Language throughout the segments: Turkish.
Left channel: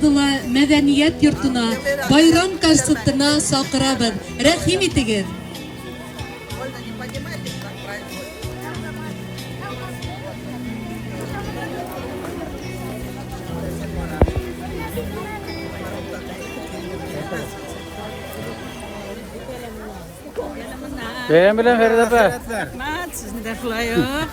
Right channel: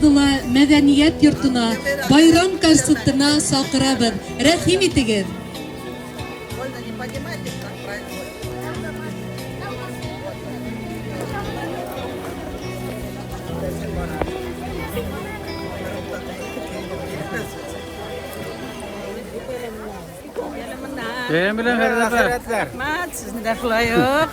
Abdullah Medeniyet Yurtuna bayram konsertine sakırabız. Rahim etiniz. Ben bilen Feride apa? Mat, sizin de yok.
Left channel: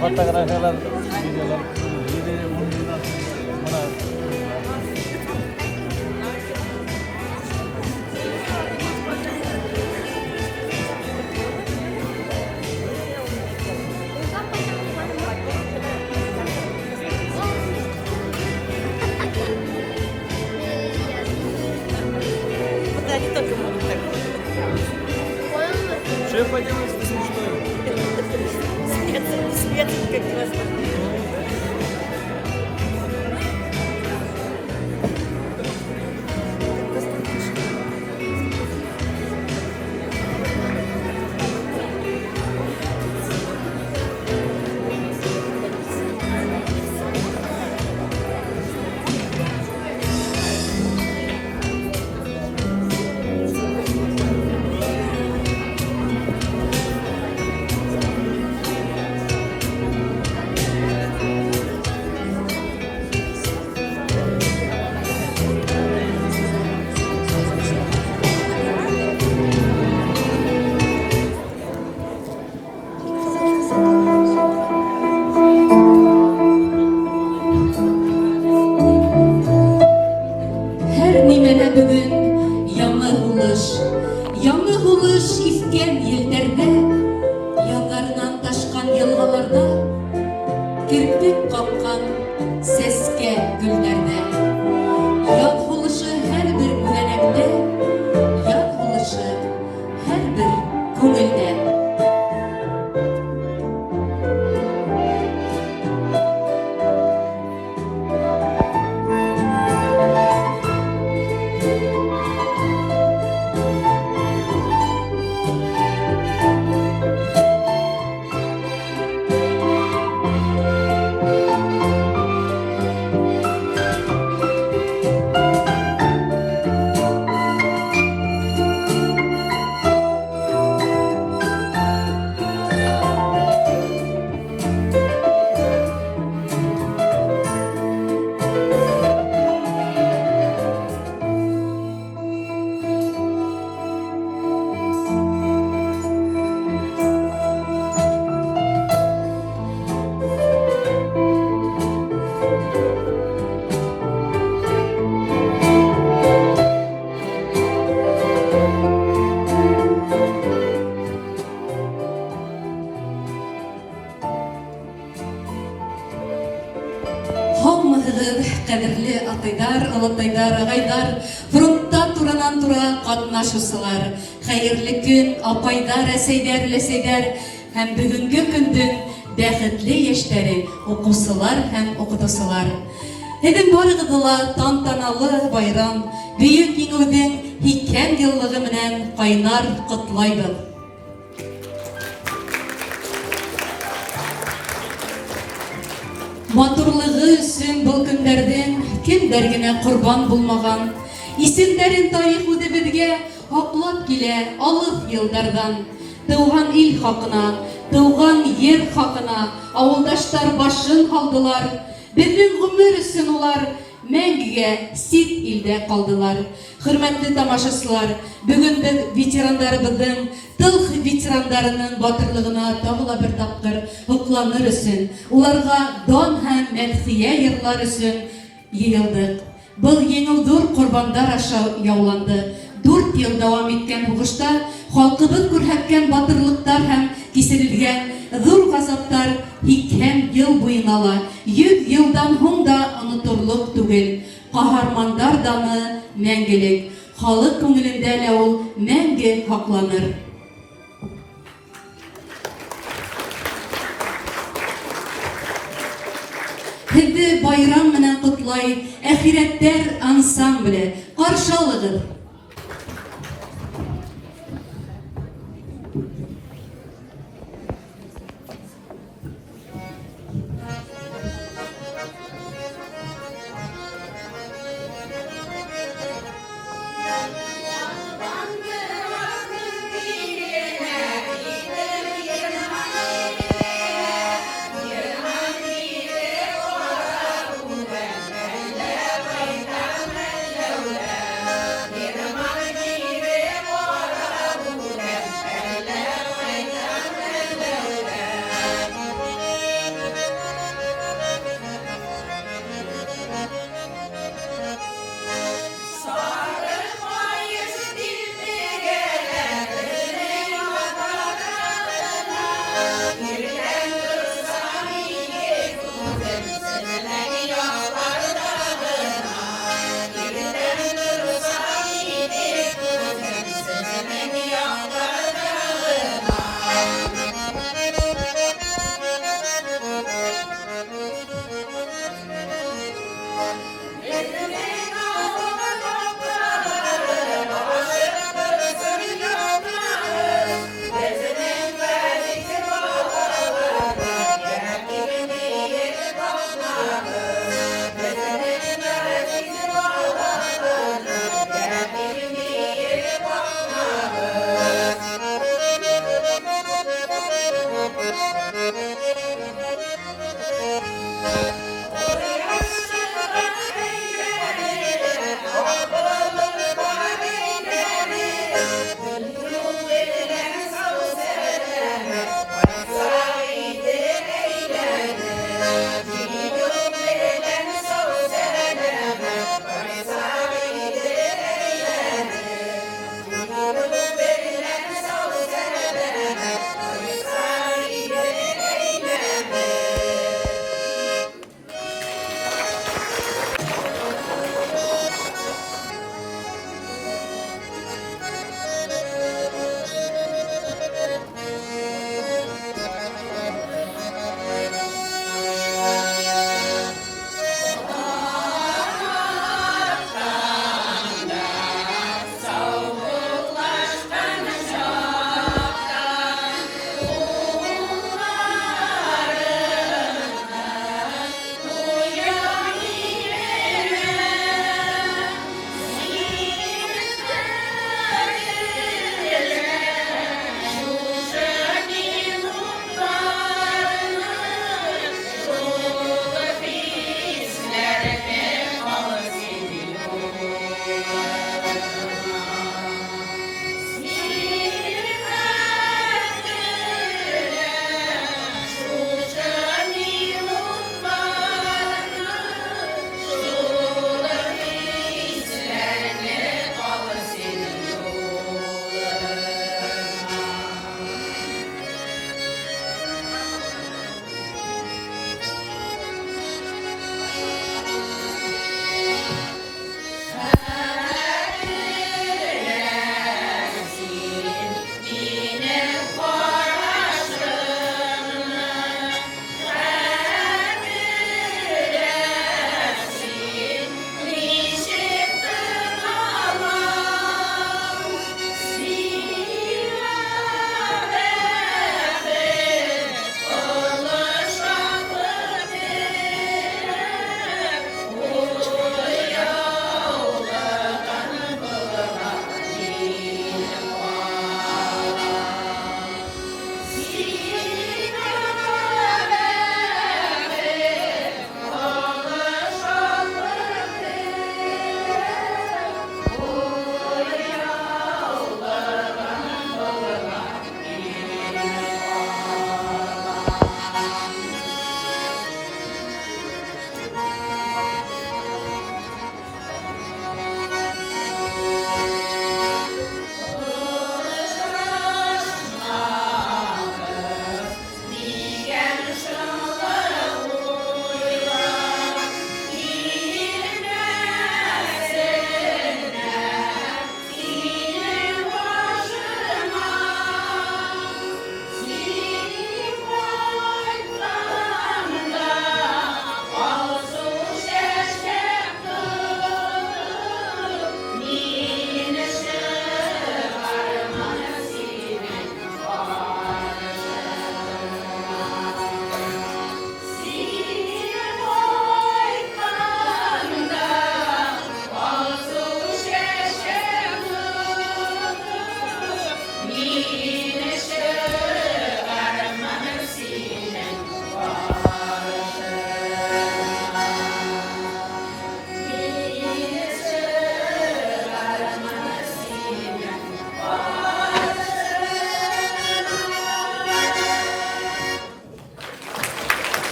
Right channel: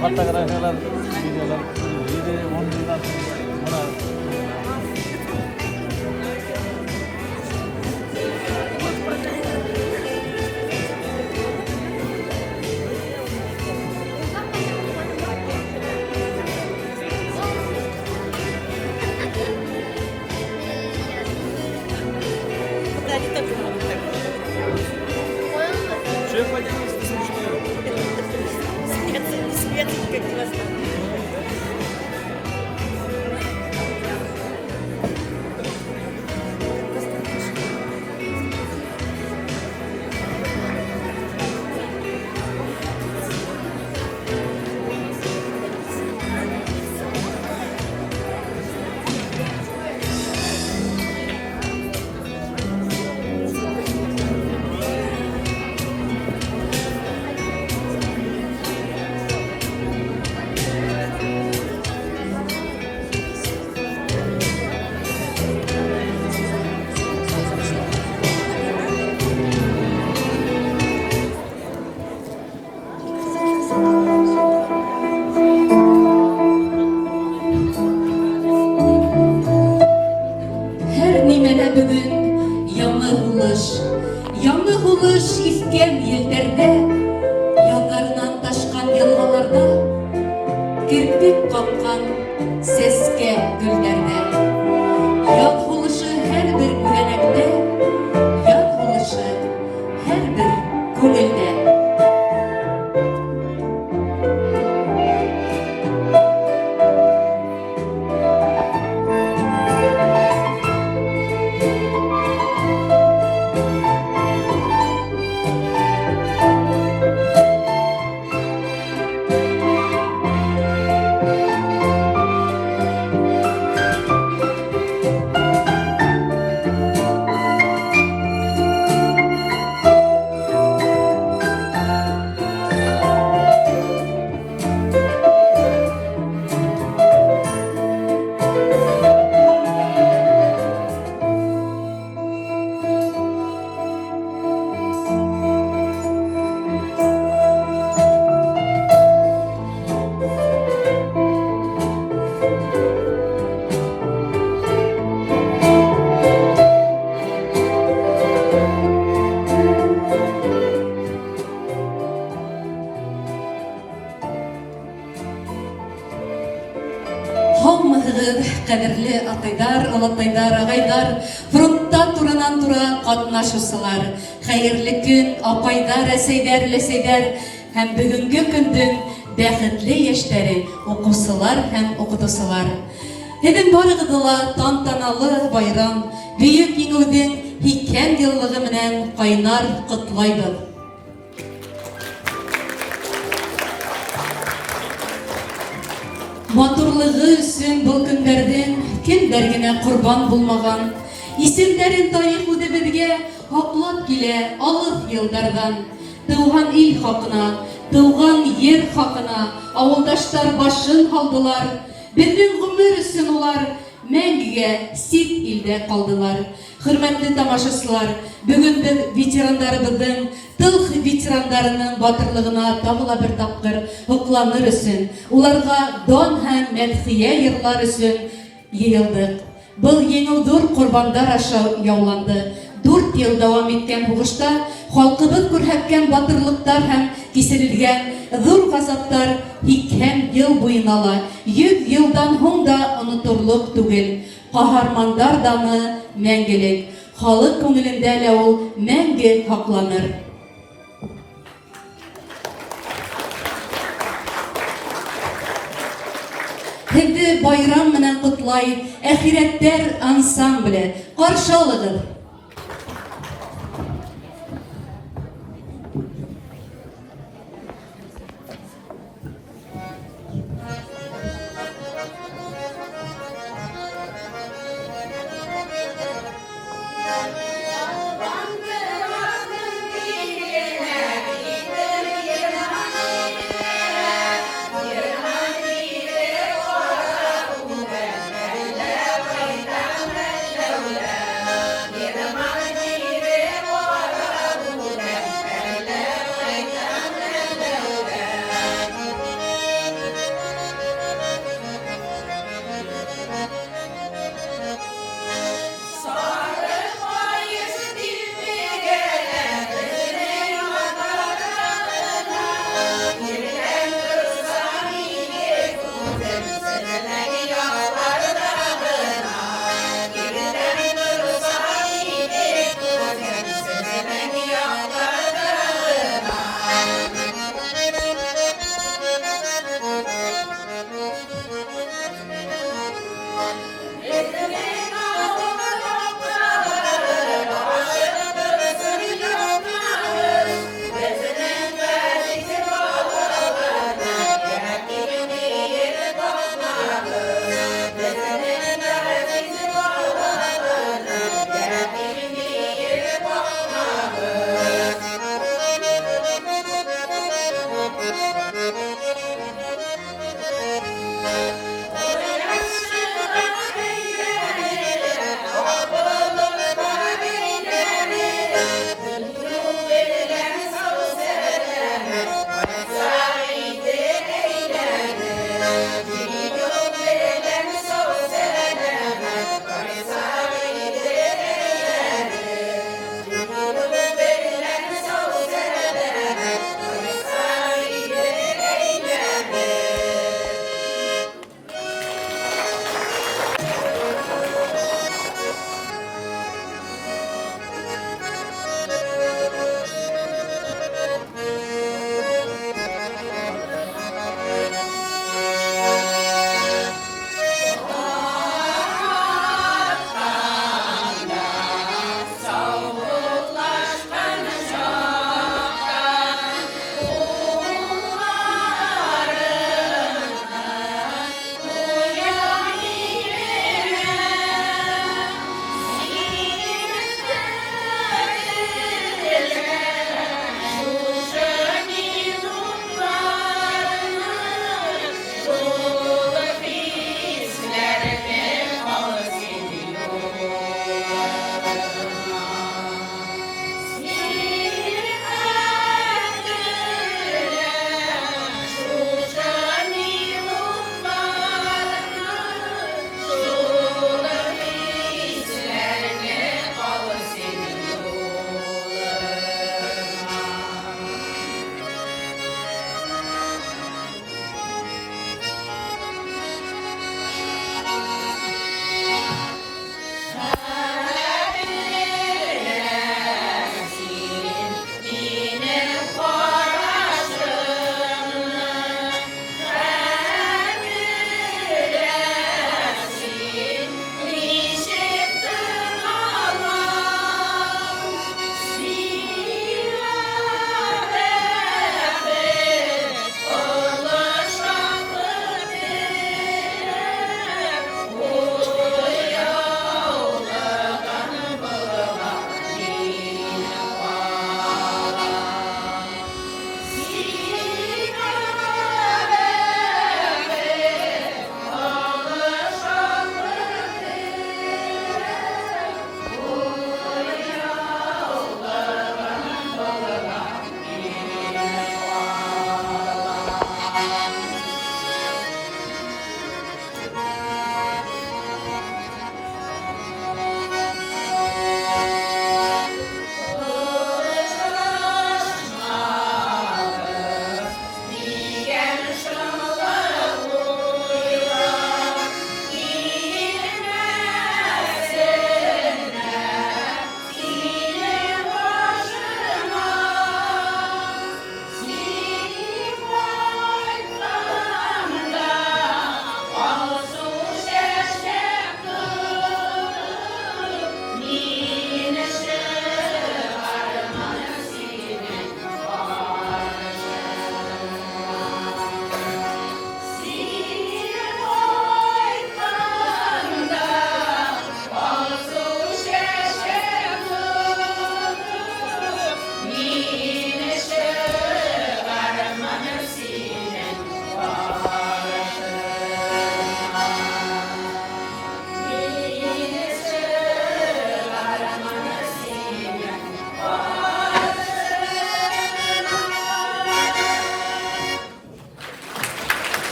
Fotoğraflar, videolar, 7-10 yıldan sonra Yanı buluş isken yerlerde, yakarından taşkan yalgalarda, kirpik kapkan seske güllerde. Yat buluşu her bir güvenekte, yat buluşu her bir gönülde. Саумыгыз, кадерле атайдар, алатайдар, агайдар, фронтта туранан-тура катнашучылар. Хәерле көн, апайдар, әсәйдәр, ләсәйдәр һәм бүгенге көндең бәхетле яшьтәре, укучылар һәм укытучылар. Һеҙҙең барығыҙҙы ла тантаналы байрам, бөйөк еңеүҙең 2 йыллығы менән ҡайнар ҡотлайбыҙ. Матурлығы өсөн был көндәрҙең кемдәр генә ҡорбан булмаған. Исемдәрен тарих үҙебеҙгә һаҡлап килә алыҫ йылдарҙан. Тыуған ил хаҡына, тыуған ер хаҡына ауылдаштар башын һалдылар. Беҙҙең ғүмер өсөн улар мәңгегә сит илдә ҡалдылар. Хөрмәтле тамашасылар, бөгөн беҙ ветерандарыбыҙҙың, тыл ветерандарының батырлығына тағы ла бер тапҡыр һоҡланыр өсөн, уларға дан һәм мәҙхиә йырлар өсөн йыйылдыҡ. Был еңеү ҙур ҡорбандар аша яуланды. 4 йыл дауам иткән һуғышта халҡыбыҙ күрһәткән батырлыҡтар һәм кисерелгән ҙур ғазаптар 2 йыл буйына ла, 100 йылдан һуң да оноторлоҡ түгел. Ҡаһармандар даны мәңгелек. Халыҡ күңелендә лә ул мәңге һаҡланыр. Һеҙҙе байрам менән ҡотлай Әхирәттәр ансамбле. Ҡаршы алығыҙ. Yeah.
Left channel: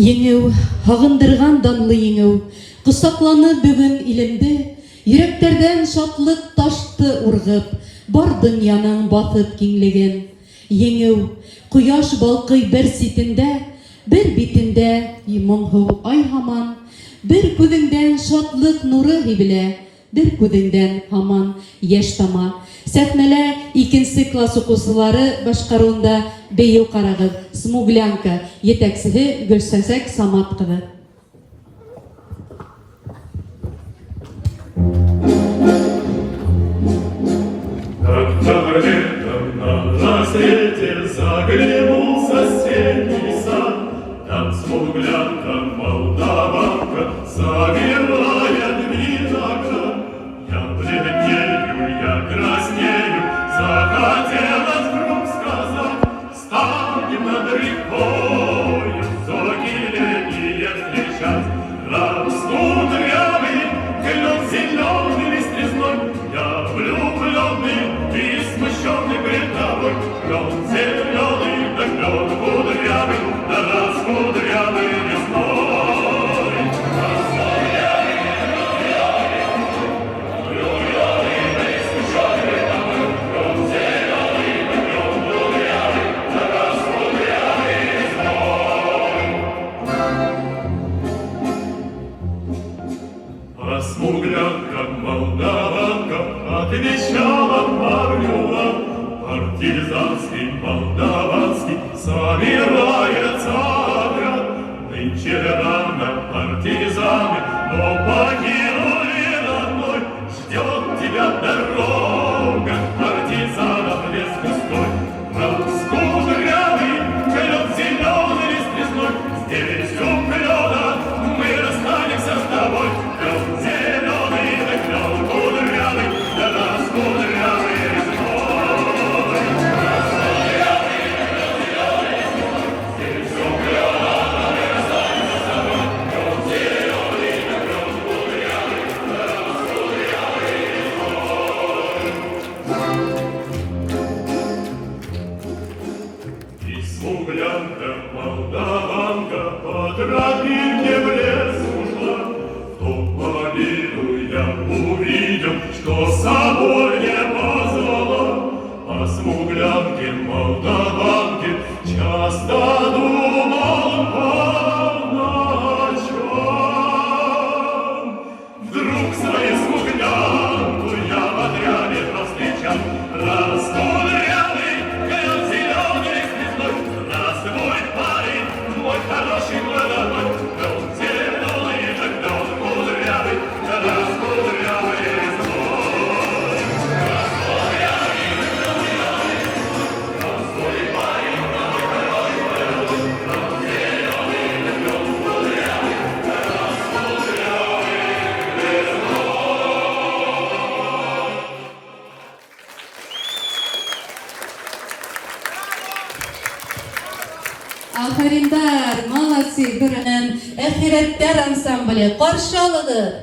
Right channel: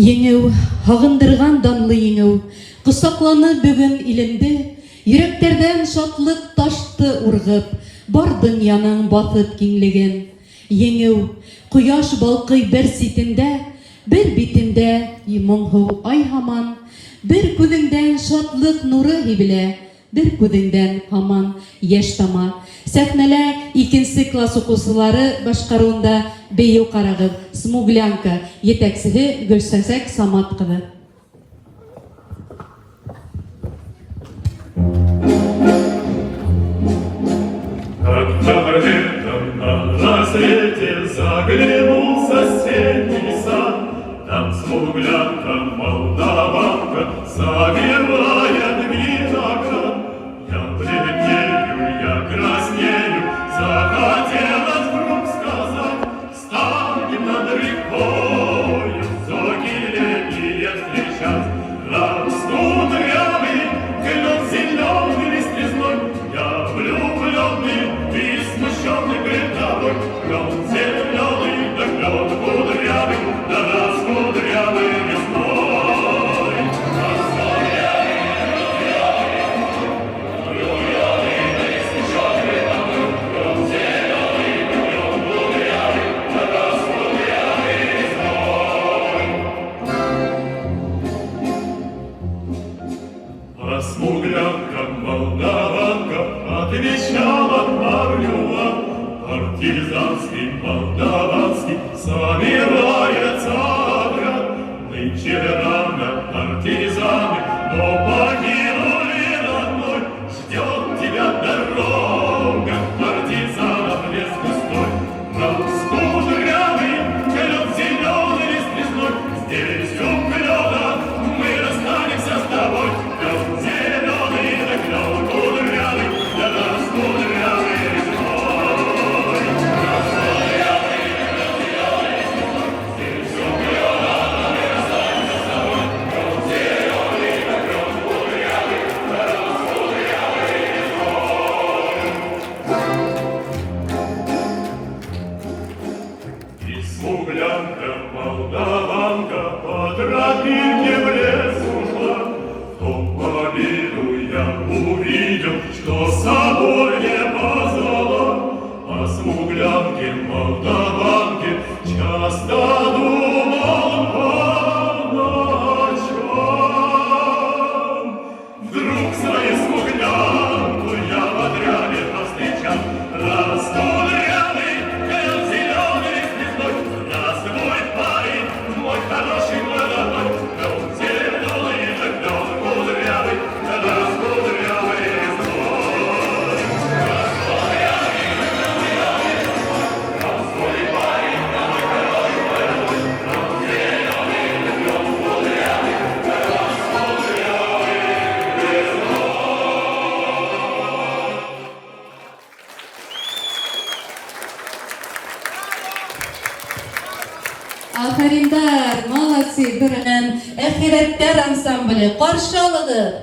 Еңеу, ағындырған данлы еңеу, құсақланы бүгін илемді, йөрәктәрдән шатлык ташты ургып, бар дөньяның баthып киңлеген. Еңеу, кояш балкый бер ситендә, бер битендә моңһу ай һаман, бер күҙеңдән шатлык нуры һибелә, бер күҙеңдән һаман яшь тама. Сәхнәлә икенче класс укучылары башкаруында бейеү карагыз, Смуглянка, етәксеһе Гөлсәсәк Самат кызы. Как-то летом на рассвете заглянул в соседний сад, там смуглянка, молдаванка, завивает виноград. Я бледнею, я краснею, захотелось вдруг сказать: станем над рекою зоркие летние встречать. Растут рябы, клен зеленый листвизной, я влюбленный и смущенный пред тобой. Клен зеленый, да клен кудрявый, да раскудрявый весной. Смуглянка, молдаванка, отвечала Павлюва. Партизанский, молдаванский, собирается отряд. Нынче рано партизаны, но погибли родной. Ждет тебя дорога, партизанов лес густой. Раскудрявый, клен зеленый лист лесной, здесь у клена мы расстанемся с тобой. Клен зеленый, да клен кудрявый, да раскудрявый весной. Здесь у клена мы расстанемся с тобой. Клен зеленый, да клен кудрявый, да раскудрявый весной. И смуглянка, молдаванка, по тропинке в лес ушла. В том победу я увидел, что с собой не позвала. О смуглянке, молдаванке часто думал по ночам. Вдруг свою смуглянку я в отряде повстречал. Раскудрявый, клен зеленый звездой, здравствуй, парень, мой хороший молодой. Клен зеленый, да клен кудрявый, да раскудрявый весной. Здравствуй, парень, мой хороший молодой. Клен зеленый, да клен кудрявый, да раскудрявый весной. Афариндар, молодцы, бирнен, Әхирәттәр ансамбле, каршы алыгыз.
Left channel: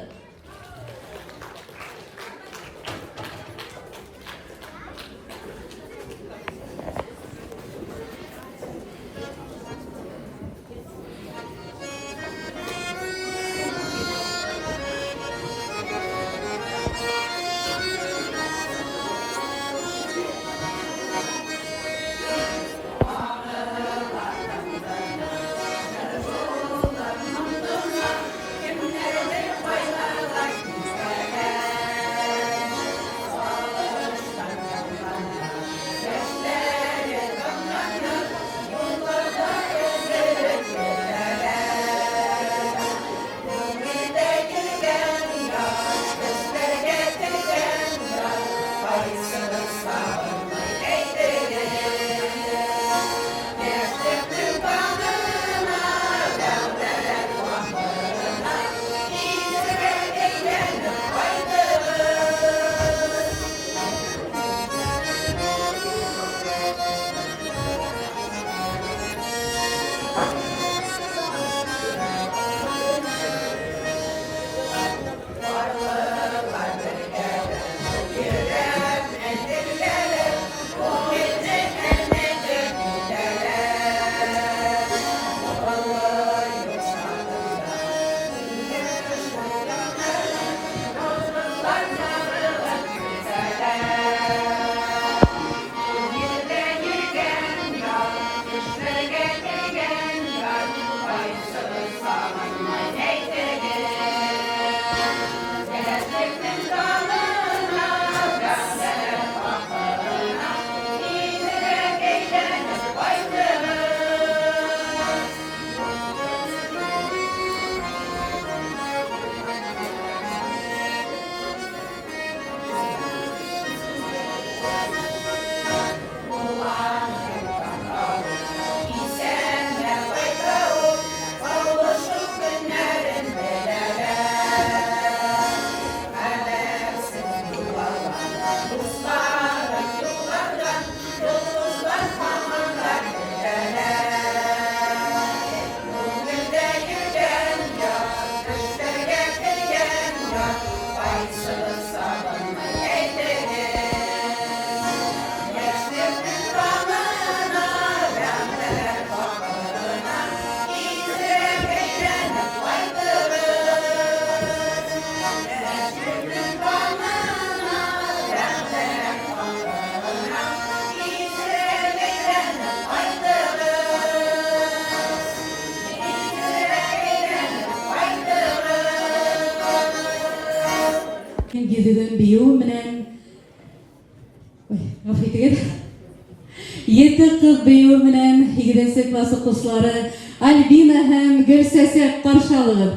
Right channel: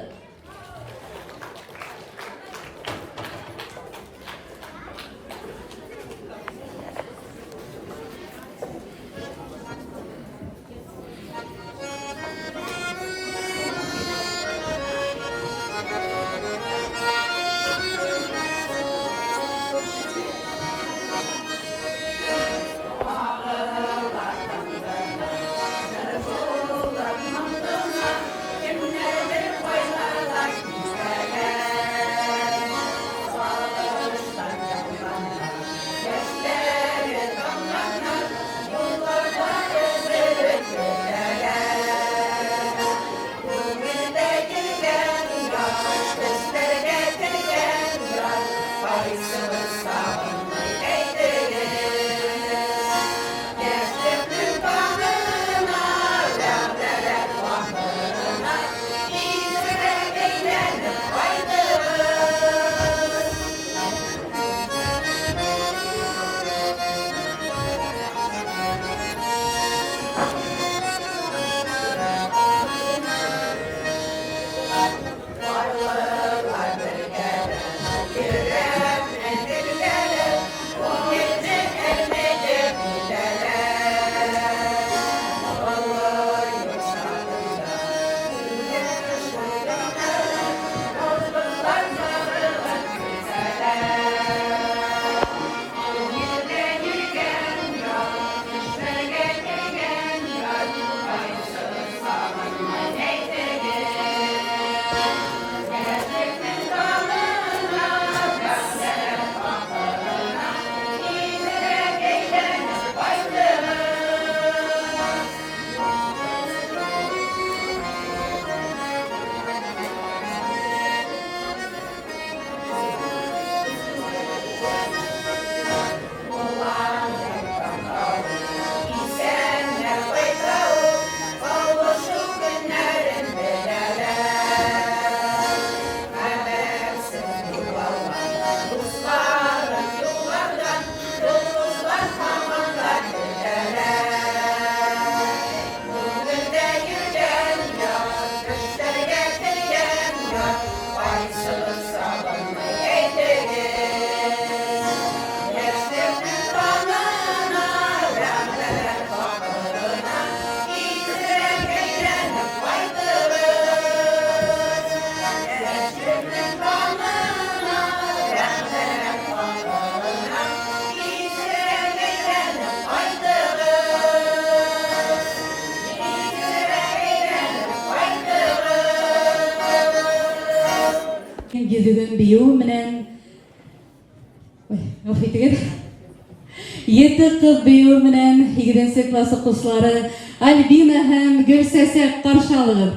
гидеген бию менен Еті қыз бию менен игіден сетвасы құслары Альбина һәм Гөлсәсек қаршалығыр.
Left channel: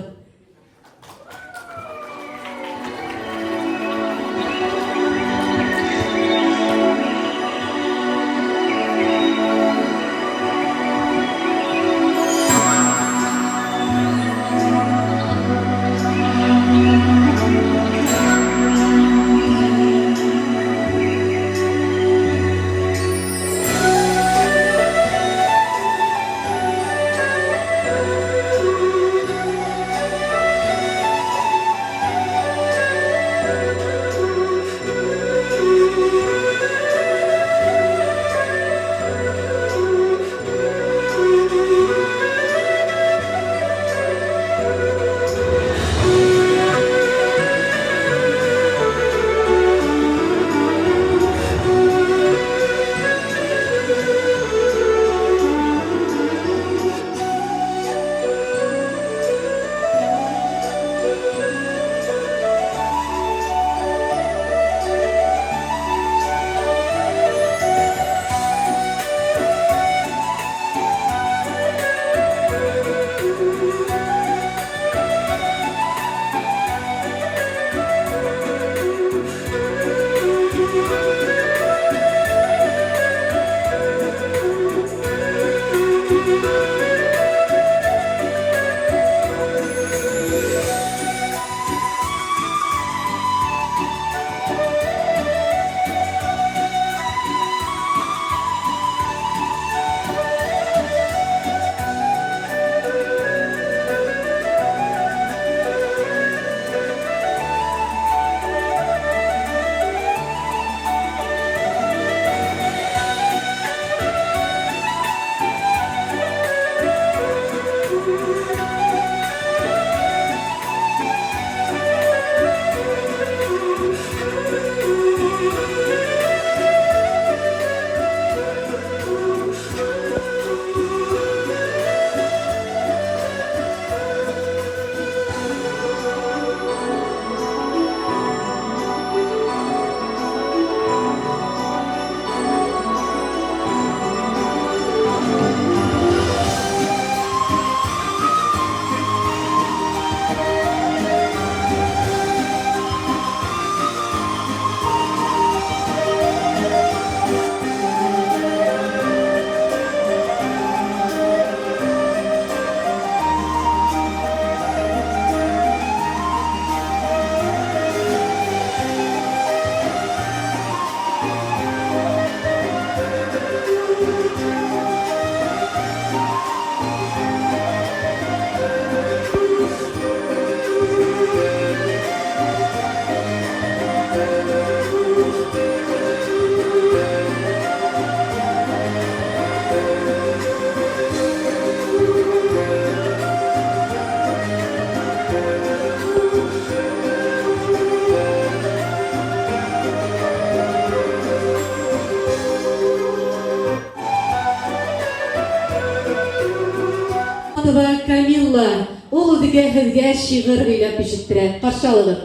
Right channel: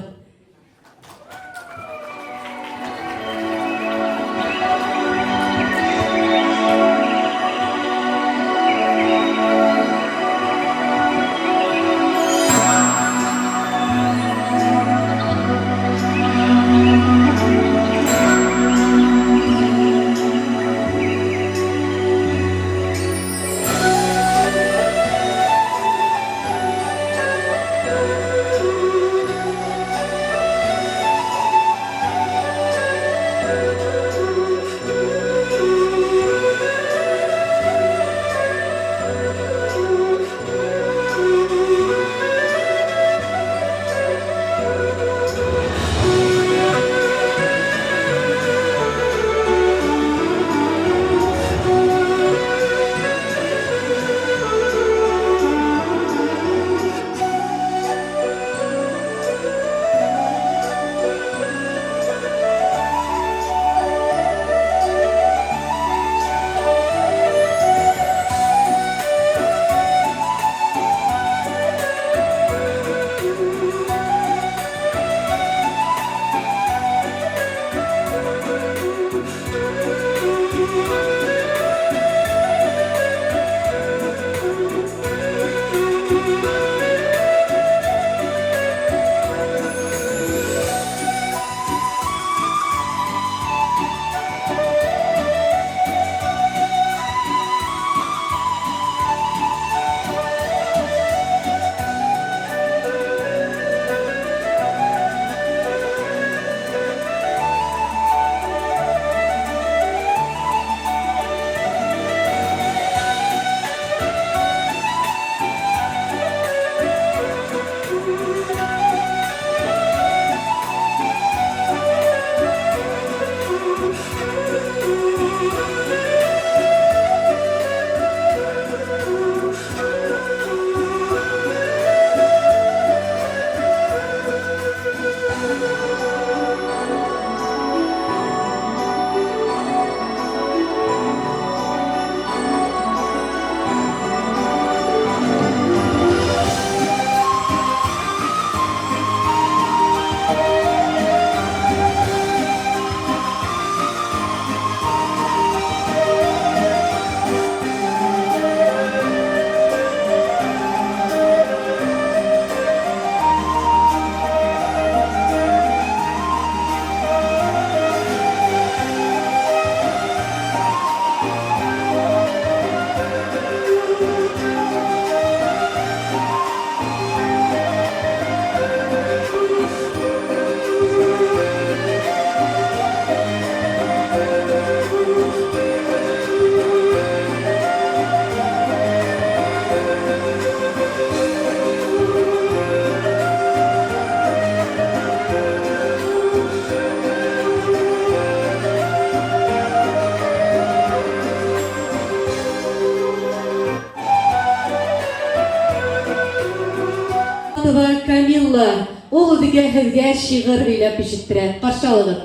Камилла, ул үҙгә һеҙгә шиғыр һөйләп ишеттерә. Ҡаршы алығыҙ.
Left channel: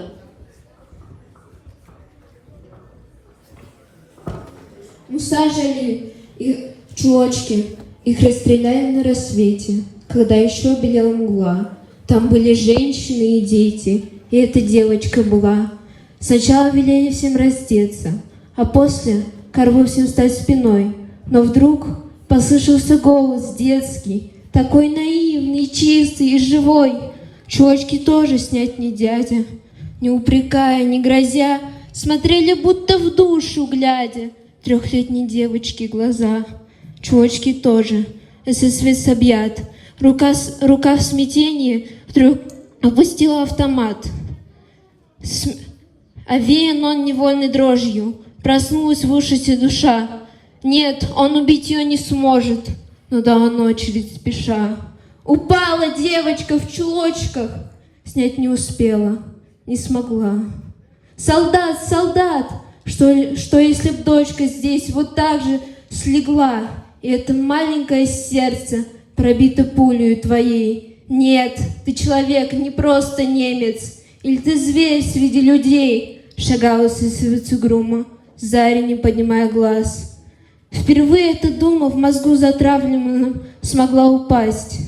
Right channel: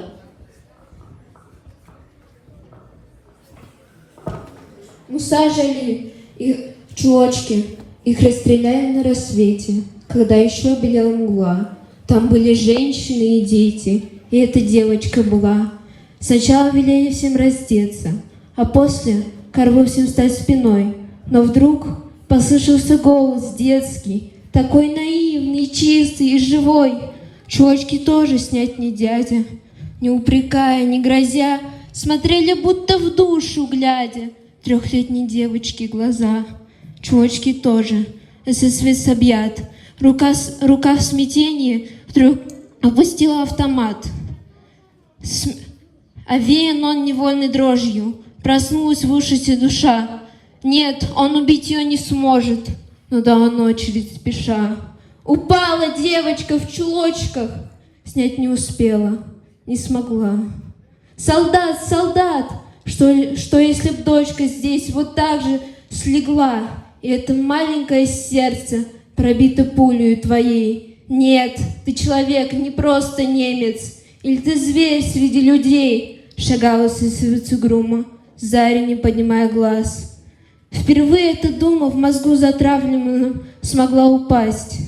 Мы сажали их чулочки, их расстреляли на рассвете, когда еще белела мгла. Там были женщины и дети, и эта девочка была. Сначала велели всем раздеться, а после корову всем стать спиной. Но вдруг послышался голос детский, такой наивный, чистый и живой. Чулочки тоже снять не дядя. Не упрекая, не грозя, смотрели будто в душу глядя. 3-летней девочки глаза. Чулочки тоже, ССВ объят. Рука в смятении вдруг опустила автомат. Овеян он невольной дрожью. Проснулась в ужасе душа. Нет, он убить ее не сможет. Но дала очередь спеша. Упала девочка в чулочках. Снять не успела, не смогла. Солдат, солдат! Что если б дочка здесь вот так же слегла, и это маленькое сердце пробито пулей твоей? Нет, ты человек, не просто немец. Или ты зверь среди людей, Шагала с грома, зарю не поднимая глаз. Впервые эта дума в мозгу затравленную смогла упасть.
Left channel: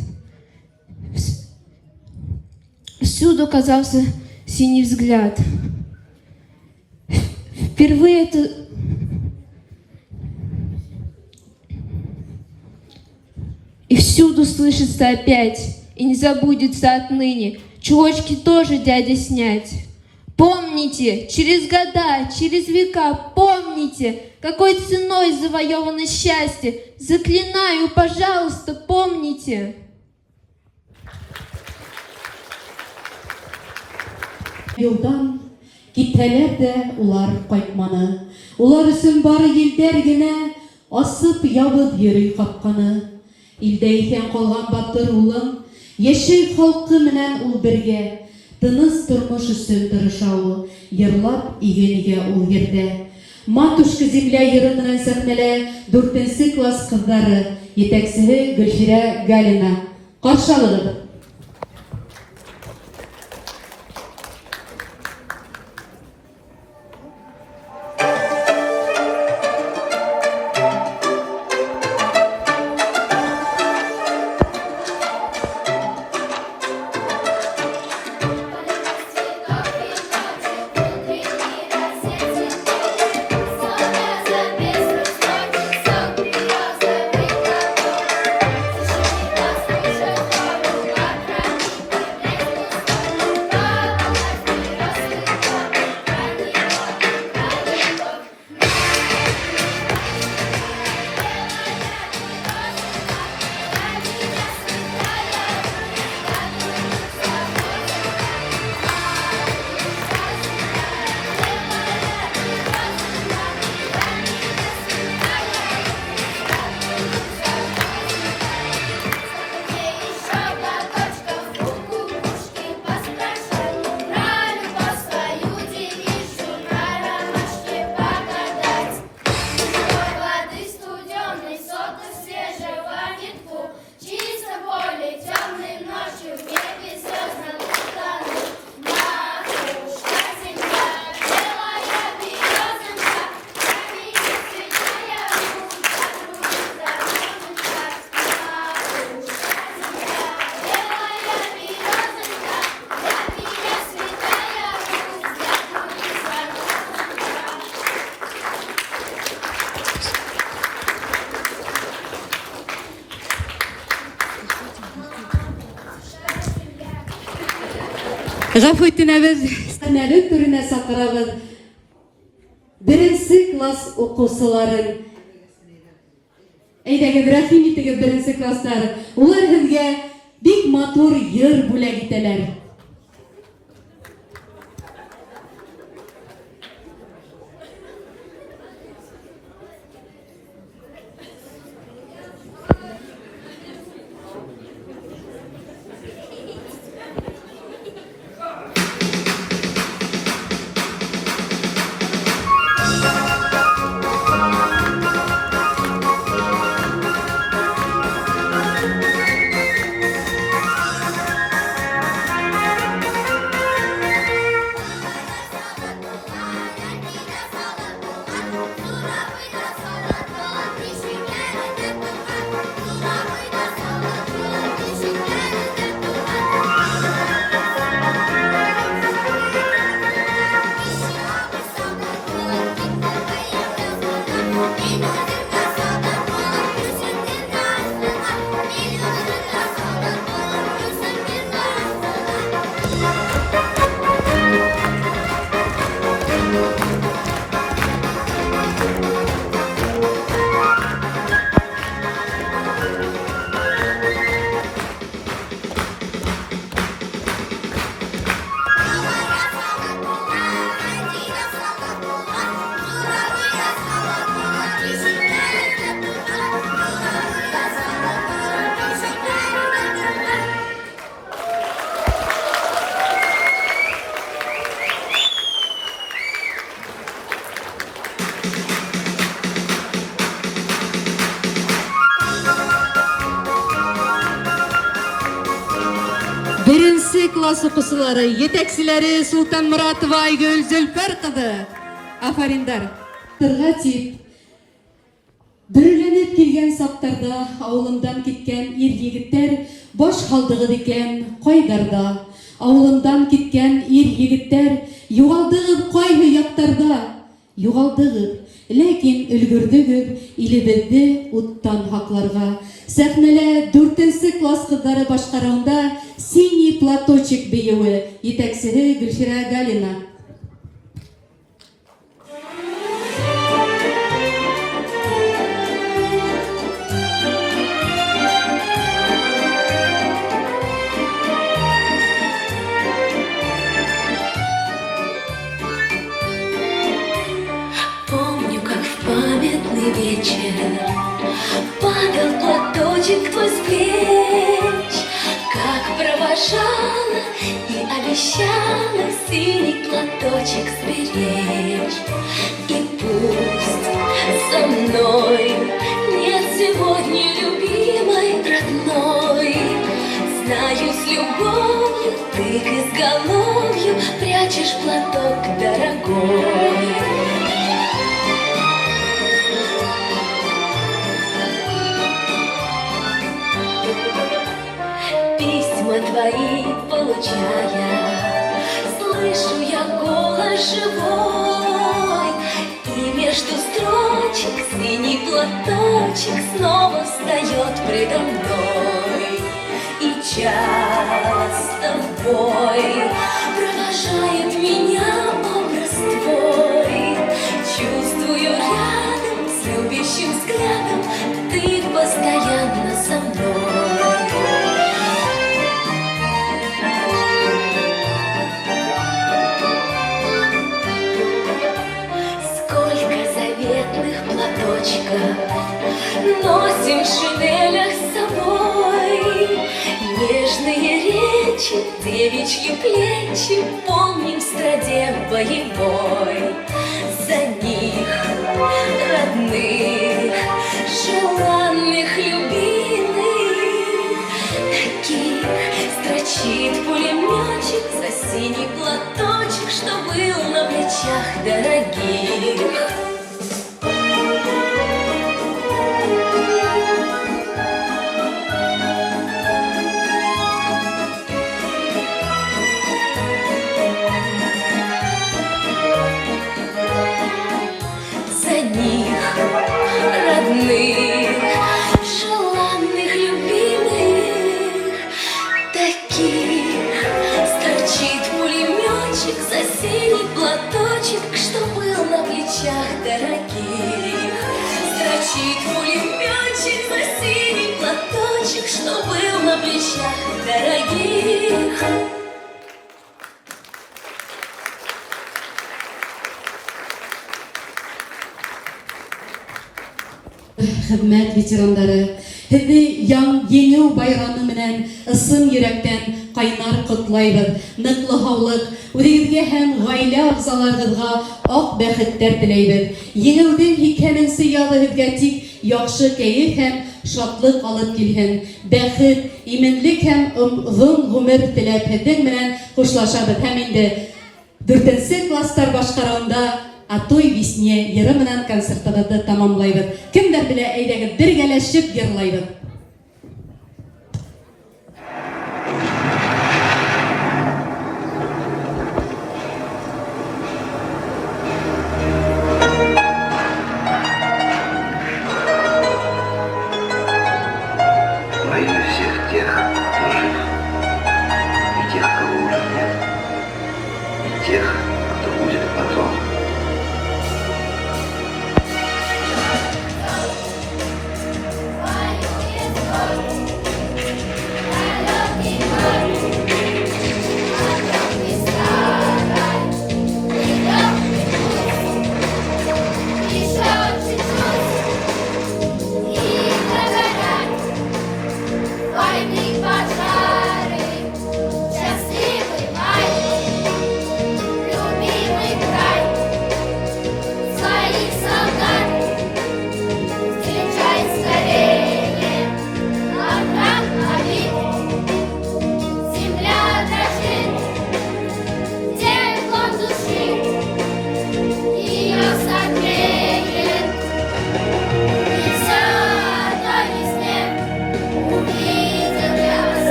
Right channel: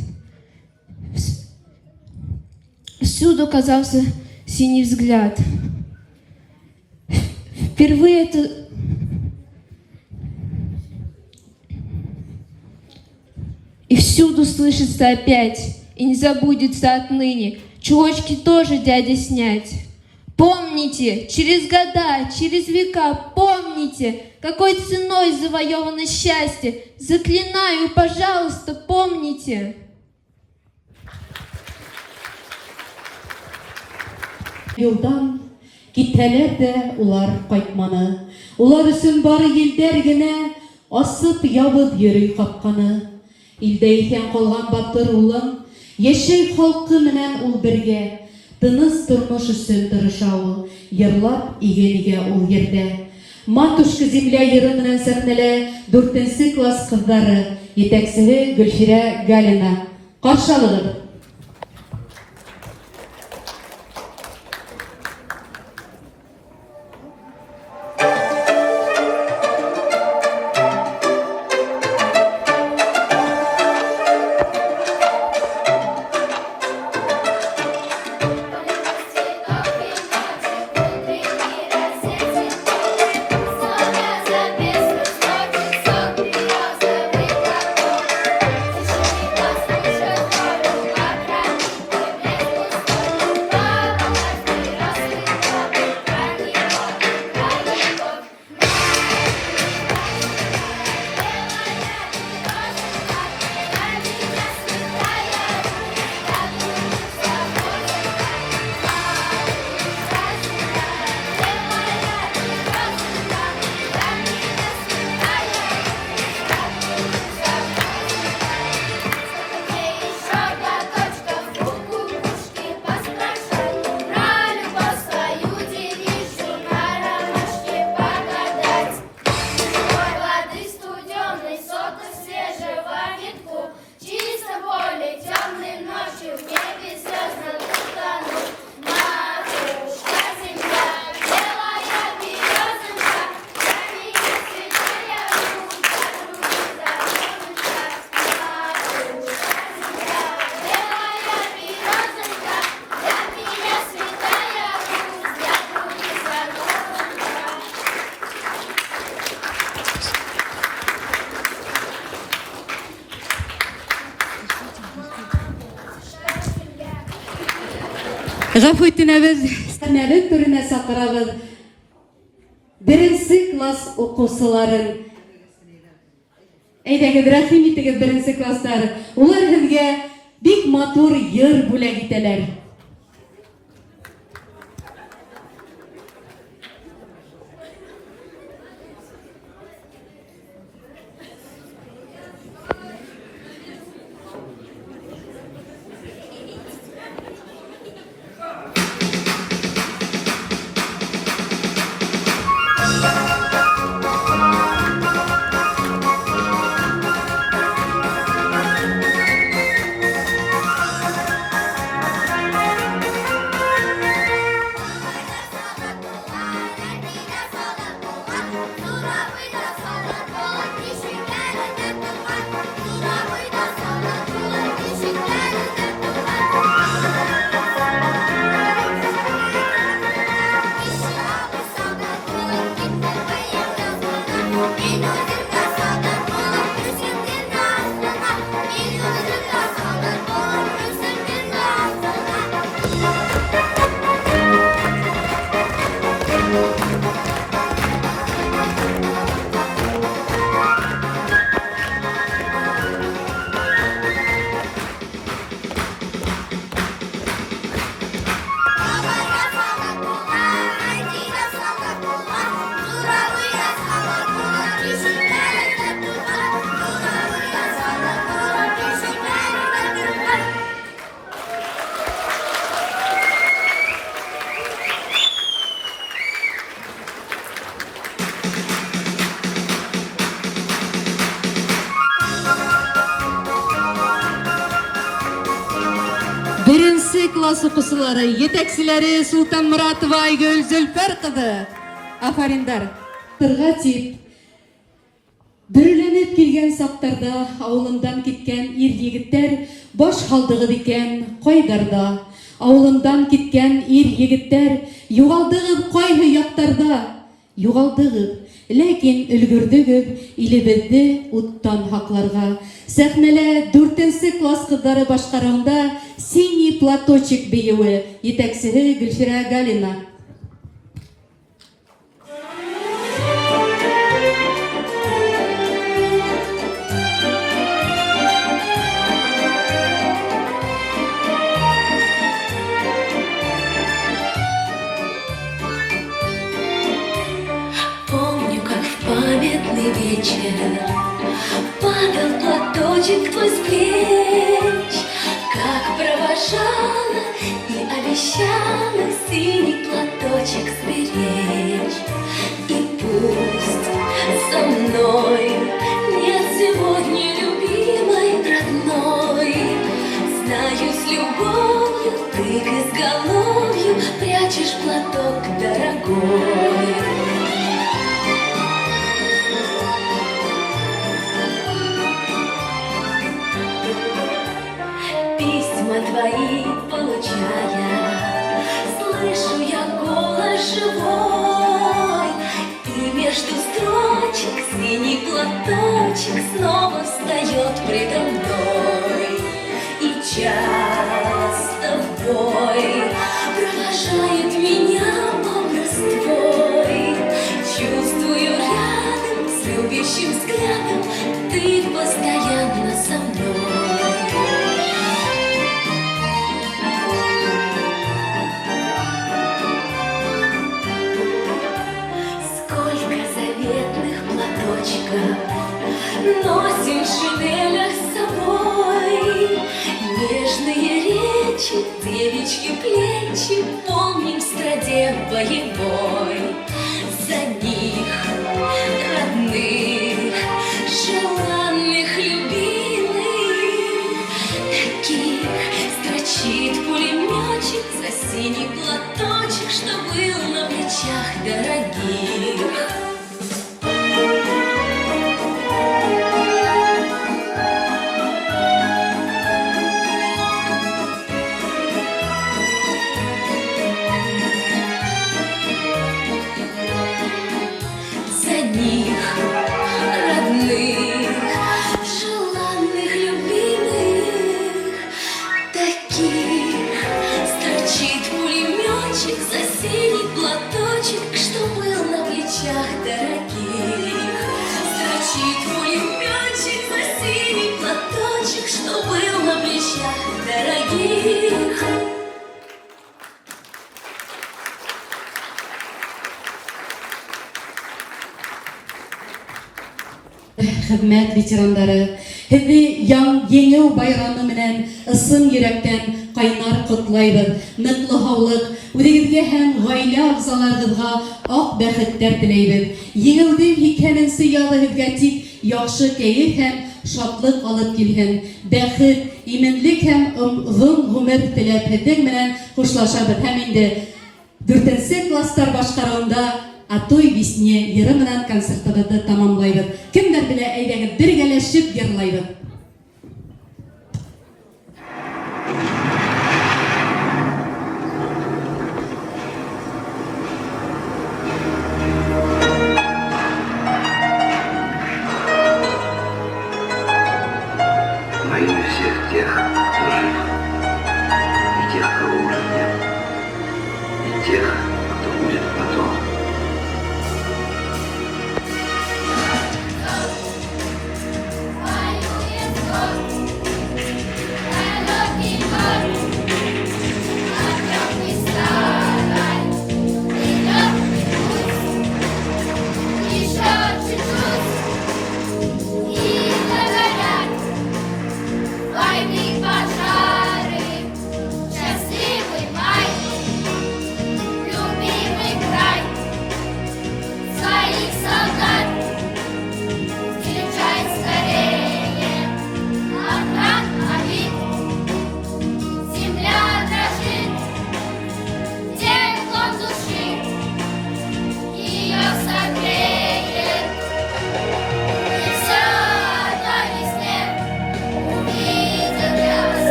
Всюду казался синий взгляд. Впервые это... И всюду слышится опять, и не забудется отныне, чулочки тоже дядя снять. Помните, через года, через века, помните, какой ценой завоевано счастье. Заклинаю, пожалуйста, помните. Юлдан китәләр дә улар кайтманы. Улар өсөн бары елдәр генә асып ябып йөри капканы. Илдә икән калган батыр улым, яшел халкы менән ул бергә. Тыныс тормыш өсөн тырыша ул, йырлап игенигә ул йөрдә. Матушка земля йыры менән сәхнәлә 4-нче класс кызлары, етәкчесе Гөлширә Галина. Каршы алыгыз. Гафу итенәбез, сәмәле түренә сакырабыз. 1-нче класс укучыларын. Әйдәгез, рәхим итегез 1-нче класстар. Улар безгә бик матур йыр бүләк итәләр. класс укучылары, жетекчилери Султан Муратова Айгөл Зөлфер кызы. Афариндар. Тырга тип. Бүрленіп келген сақтарда ауылымдан кеткен ер-егіттер баш халдығы декен қойдарда. Ауылымдан кеткен ер-егіттер юғалдығып қойғы яқтарда. Юғалдығып, ләкин үлгірдігіп илебізді ұттан хақларға. Сәхмелі 4-сі класс қыздары башқарауында синий платочек бейеуі етәксірі Гүлшира Галина. Падал платочек твой с плеч, как провожала и обещала синий платочек сберечь. И пусть со мной нет сегодня любимой родной, знаю, с любовью ты к изголовью прячешь платок дорогой. Письма твои получая, слышу я голос живой, и между строчек синий платочек снова встает предо мной. И часто в бой провожает меня образ твой. Чувствую рядом с любящим взглядом ты постоянно со мной. Носим в шинелях с собой нежные речи, девичьи плечи помним в страде боевой. За них, родных, желанных, любимых, таких строчит пулеметчик за синий платочек, что был на плечах дорогих. Что был на плечах дорогих. Хезмәт ветерандары, һеҙҙе еңеү байрамы менән ысын йөрәктән ҡайнар ҡотлайбыҙ. Ныҡлы һаулыҡ, үҙегеҙгә һәм ғаилә ағзаларығыҙға аҡ бәхеттәр теләйбеҙ. Еңеүҙең 2-нсе яҙы һеҙгә тик яҡшы кәйеф һәм шатлыҡ алып килһен. Бәхет, именлек һәм оҙон ғүмер теләп һеҙҙең менән хушлашабыҙ. Һәм инде 4-нсе кластар башҡарыуында «Атой весне» йыры менән концертыбыҙҙы тамамлайбыҙ. Кемдәр белә, әйҙәгеҙ бергәләшеп йырлайбыҙ. Во имя всех тех, кто жив, и тех, кого уже нет, и тех, кто будет потом. Пожары, счастливый май,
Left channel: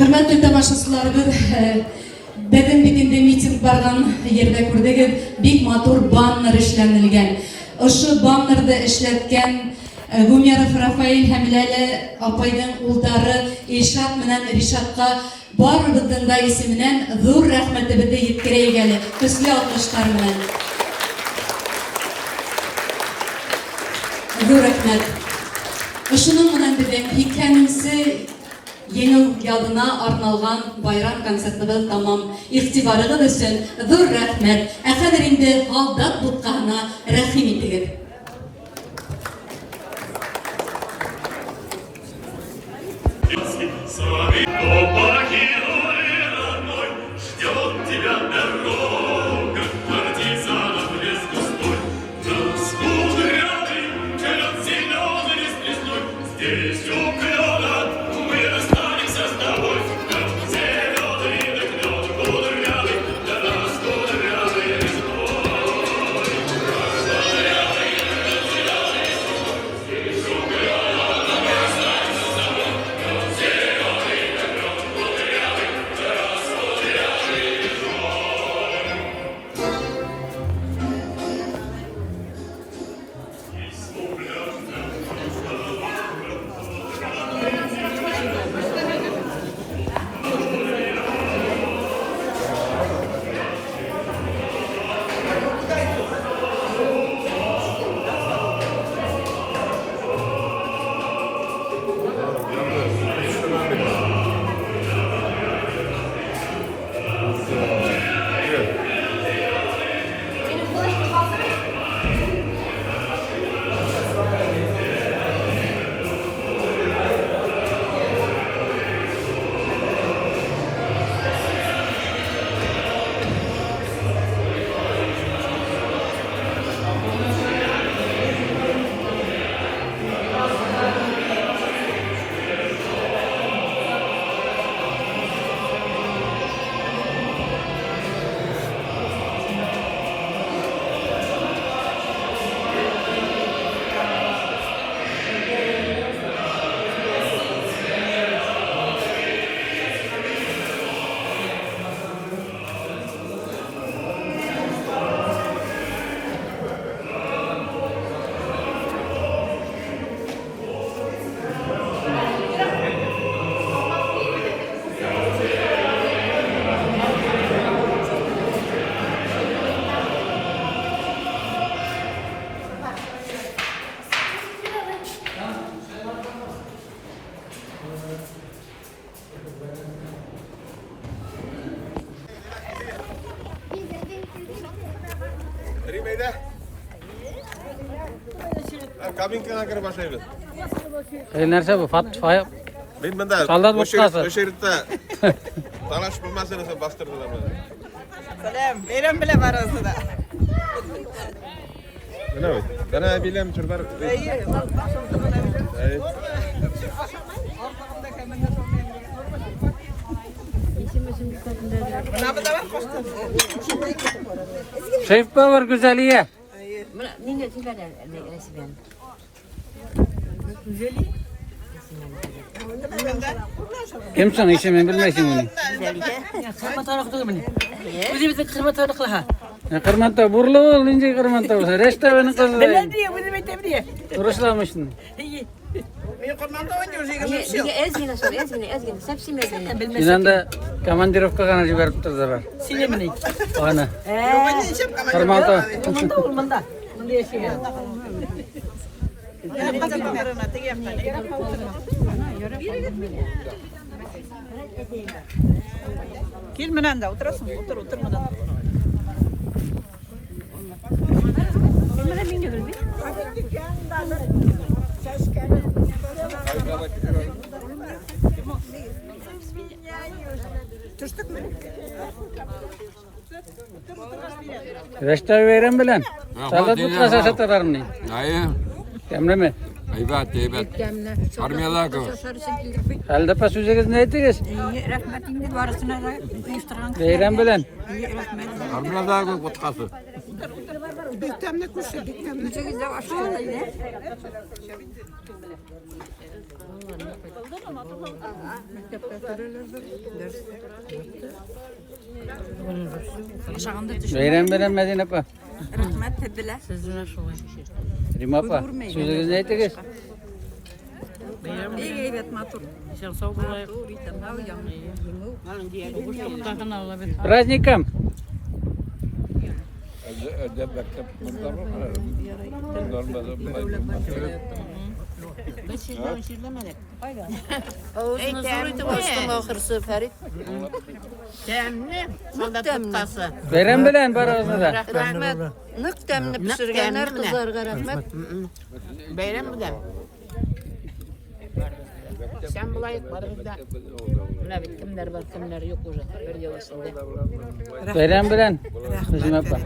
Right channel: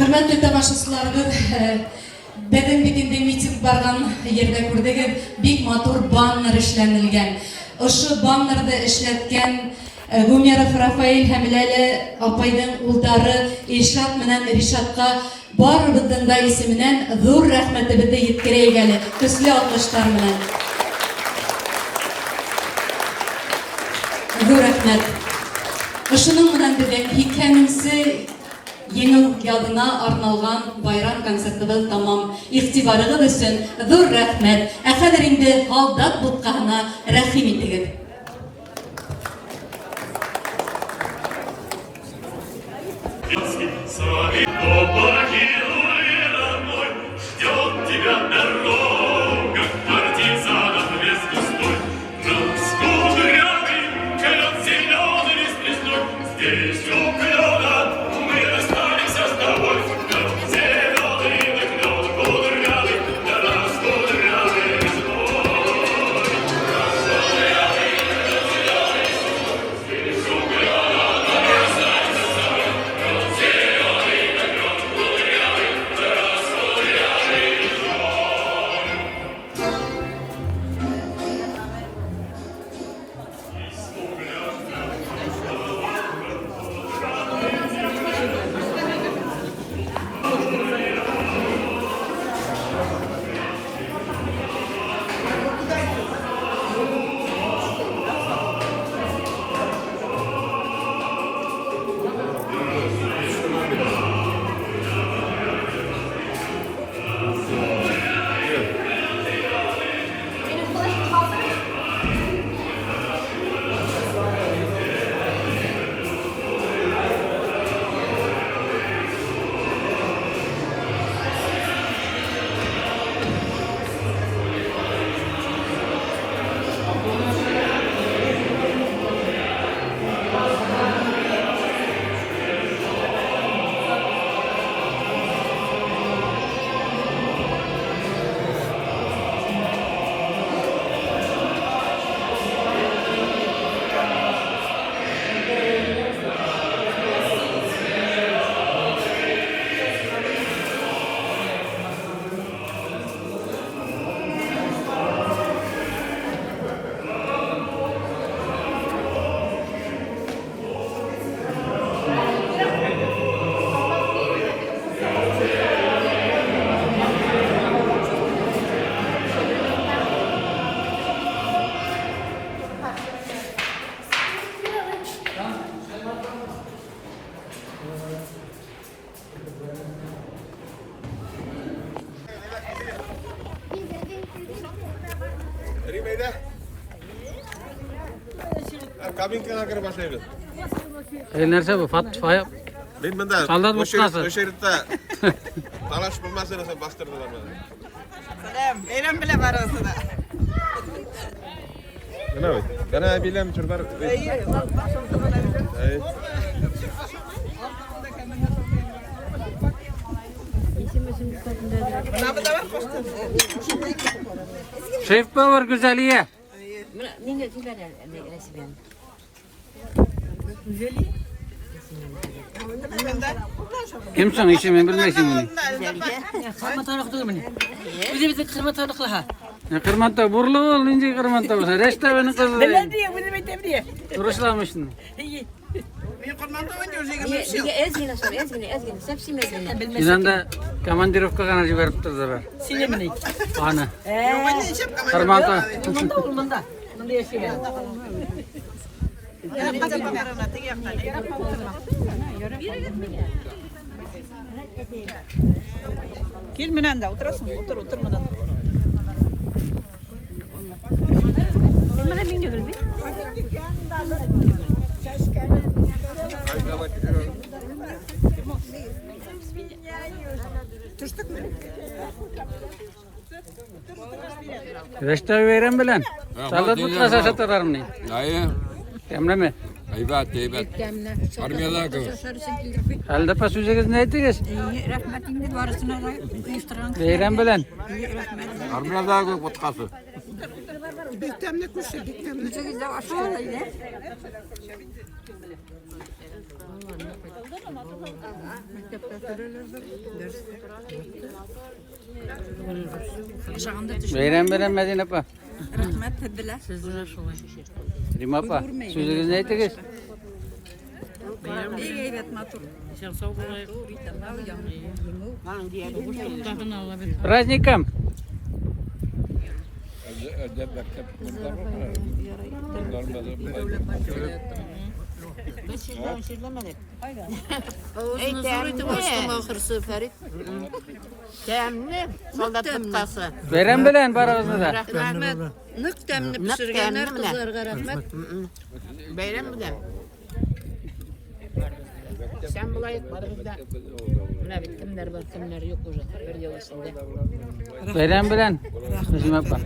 Hürmetli tamaşaçılarımız, bugün bütünde miting bargan yerde gördük, big motor banner işlenilgen. Şu bannerda işletken Gomyarov Rafael Hamilali apaydan uldarı İrşat menen Rişatqa barыбыздың da isiminden zor rahmetimizi yetkireygen. Küslü alkışlar menen. Zor rahmet. Şunun menen dedim, hikayemisi yeni yadına arnalgan bayram konsertimiz tamam. İhtibarıgız üçün zor rahmet. Әхәлеринде алдап бутқаһына рәхим итегез. С вами Лопахина мой, ждет тебя дорога, партизанов без густой. Нас кудрявый, колет зеленый лист лесной, здесь у клена мы останемся с тобой. Там зеленый клен кудрявый, для нас кудрявый лесной. Kabinkaga kirib boshlaymiz. Narsa bu? Faya. Men bunda Soldat bo'tqasi. o'sha yerda tanishib bilmasam bostirdilar. Salam, bayram bilan barosida. Nima? Qana bilam qirbar. Ay. Şef Power güzeliye. Kimsin? İşimi bilmeysin bunu. Kırmanta burlu ol, ince kırmanta olsa. Restoranı kızı. Turuşlamışsın. Sizden de komandirovka kana jiberip turdular. Ana. Kırmanta. Gel menen de oturasın, otur menen. Menen binge geldi. Restoran veren bilen. Sallat mutlaka satarlar mı? Hayır. Kemre Eybat. Armiyadan kız. Halde pas üzeriz ne ettiniz? Rahmetinle varısına da iftiran. Veren bilen. Armiyadan kız botkası. Bektemle kuşa, bektemle. Çekilde aşağıya. Bayram bayram Medine apa? Rahmet dediler. Rim apa? Sözünüz ne ettiniz? Evet matur. Sen sağ ol. Праздником! Bayram bilen barabızda da. Rahmet. Nık temni pişirgenler kızlarga rahmet. Bayram bilen. Sen bulayık barımızda. Ne bittimler var kimler yok burada. Bir yıl içinde. Bayram bilen. Rim apa?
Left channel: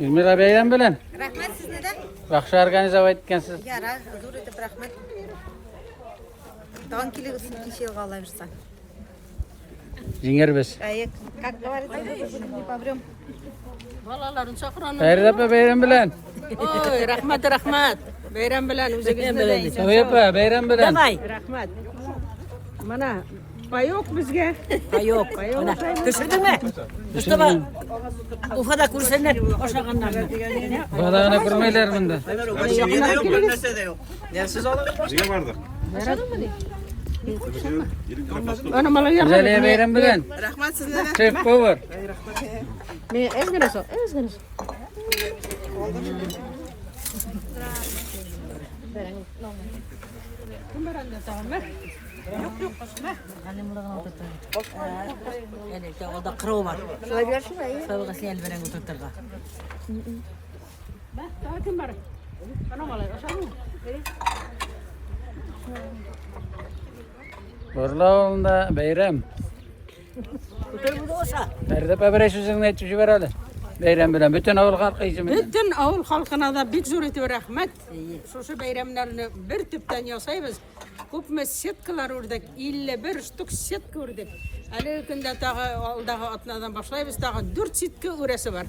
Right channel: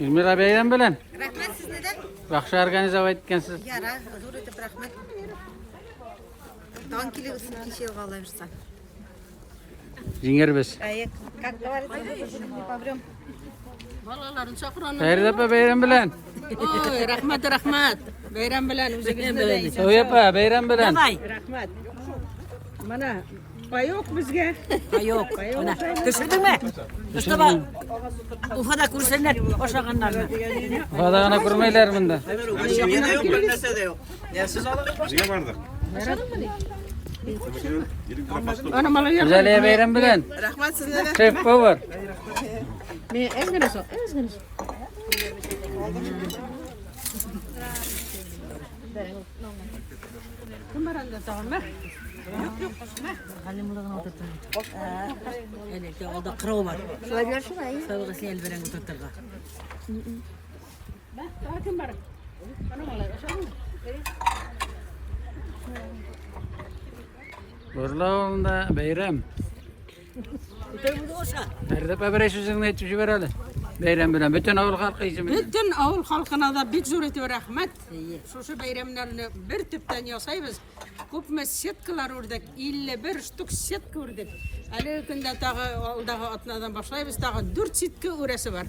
İzmir'e bayram bilen. Rahmet sizlerden. Yaxşı organizava etkensiz. Yarar. Huzur edip rahmet. Dağın kili ısın işe kalırsan. Jinger biz. Ayık. Kalklı var. Valaların çakıranlar. Hayır apa bayram bilen. Oy rahmet rahmet. Bayram bilen bize Soy apa bayram bilen. Rahmet. Mana pay yok bizge. Pay yok. Mana düşürdün mü? Mustafa. O kadar kursenler koşakanlar mı? Fadağına kurmaylar bunda. Niye vardı? Ana mala yak. Güzelliğe bayram bilen. Rahmet sizlere. Chef power. Me ezgeniz o. Ezgeniz. Kumaranda tamam mı? Yok yok. Halim bulağına oturtun. Yani o da kırığı var. Şöyle bir şurayı. Savga sel veren oturtturga. Borlavında bayram. Nerede pabere sözünü etçi verali. Bayram bilen. Bütün avul halkı için. Bütün avul halkına da büyük zürreti rahmet. Şu bayramlarını bir tüpten yasayız. Көп сеткалар үрдік, 51 штук сетка үрдік. Әлі күнде тағы алдағы атынадан башлайбыз, тағы 4 сетка өресі бар.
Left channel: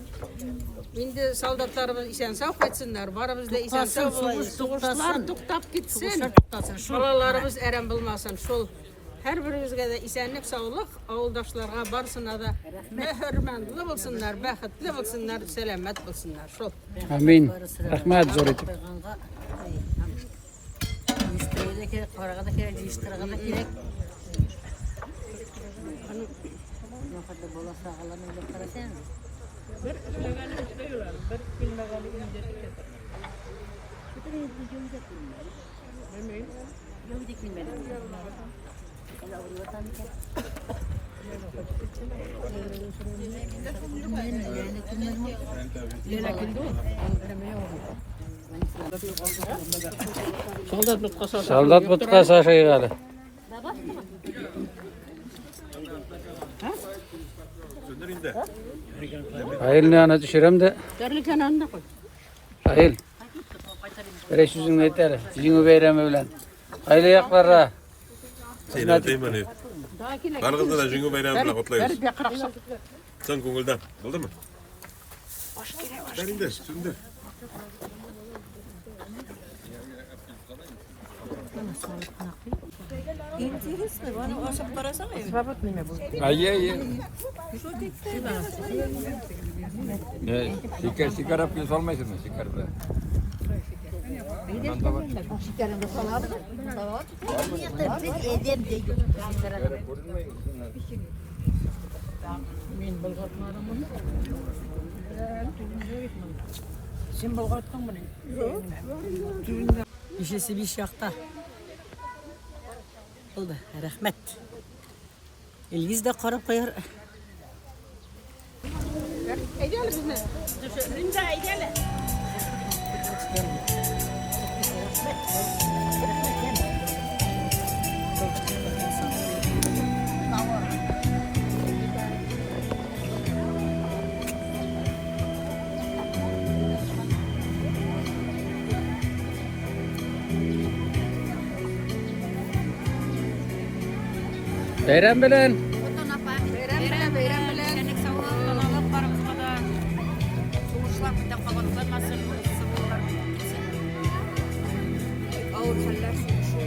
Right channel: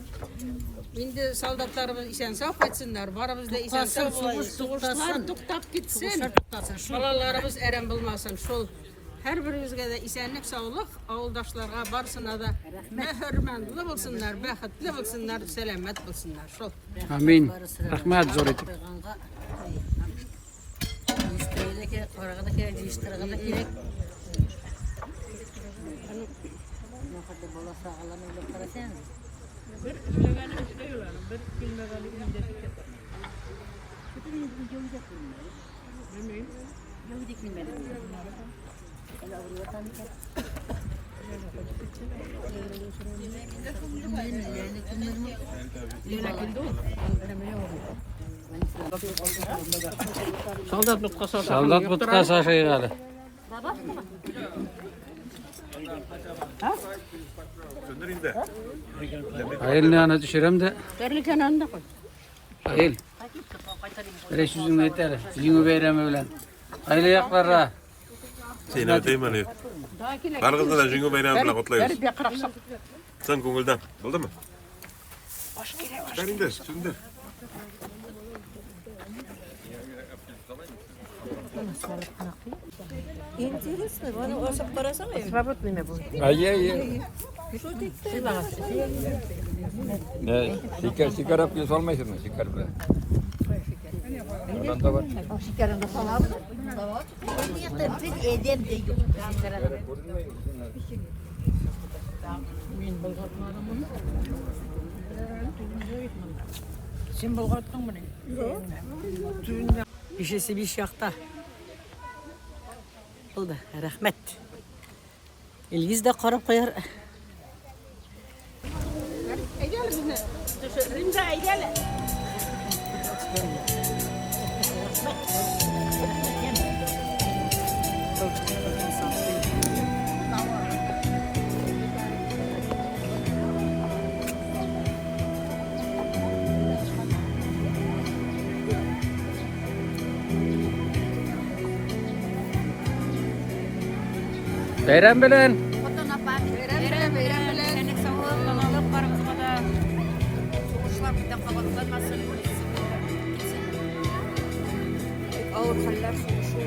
Енді солдаттарымыз исен сау қайтсындар, барымызда исен сау соғыстар тоқтап кетсін. Балаларымыз әрем болмасын. Сол her birimizге de isenlik, sağlık, avuldaşlarga barısına da mehürmendli bulsunlar, bəxtli bulsunlar, selamet bulsunlar. Sol. Amin. Rahmet zor et. Soldat butka saşayı gali. Ayıl ne ana düşürem de. Ayıl. Böyle sözünü yeter. Sizin beyremi bilen. Ayıl ayaklara. Seni kıymanıyor. Kargında da Jingo bayramını kutlayırız. Sen ko'ngildan. Oldu mu? Berinde, şimdi. Şeker yapıyoruz olmayacak mı? Şeker de. İşesi bir şakta. Oldu. Rahmet. İlgiz de karıp koyar. Eydeli bizne. Rimde eydeli. Bayram bilen. Bayram bilen. Senek sağlık, babalık barımızga da. Soğuşlar birden kabatlanmasın. Soğuşlar gitsin. Ağır haller soğuşu.